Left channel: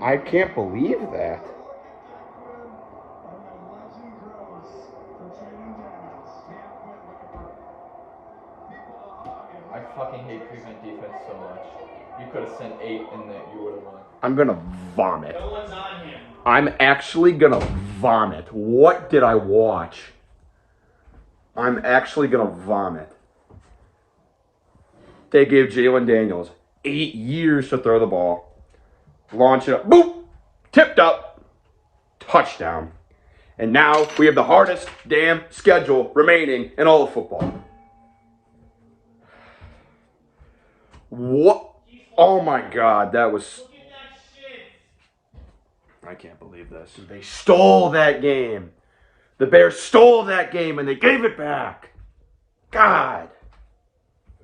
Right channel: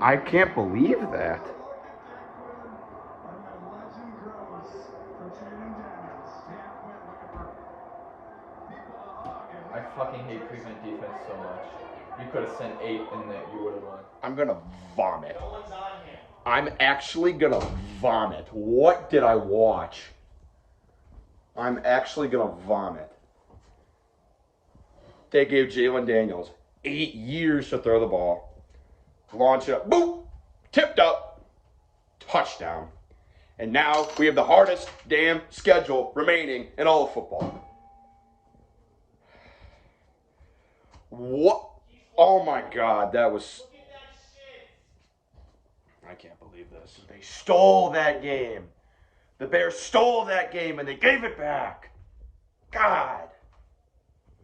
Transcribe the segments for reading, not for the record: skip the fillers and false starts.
I can't believe that. I fucking hate Cleveland defense so much. You could have sent 8 and that you would have won. I'm gonna vomit. I'm actually gonna vomit. What did I watch? I'm actually gonna vomit. They gave Jalen Daniels 8 years to throw the ball. Launch it up. Boop! Tipped up. Touchdown. And now we have the hardest damn schedule remaining in all of football. What? Oh my God, that was... I can't believe this. They stole that game. The Bears stole that game and they gave it back. God.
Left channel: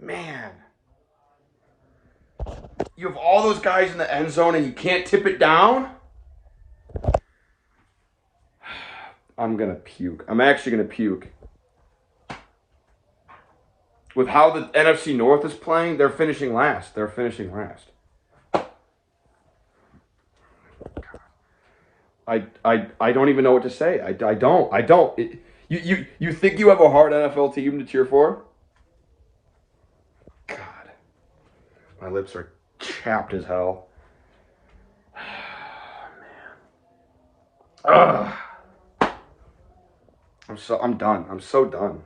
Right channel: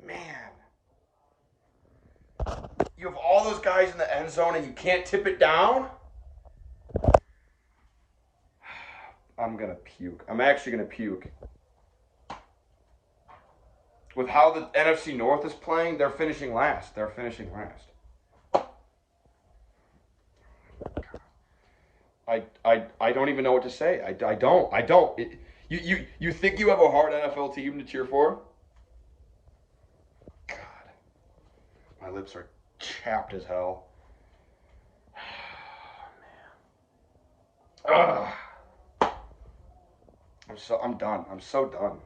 Man. You have all those guys in the end zone and you can't tip it down? I'm going to puke. I'm actually going to puke. With how the NFC North is playing, they're finishing last. They're finishing last. I don't even know what to say. I don't. You think you have a hard NFL team to cheer for? God. My lips are chapped as hell. Man. Ugh. I'm done. I'm so done.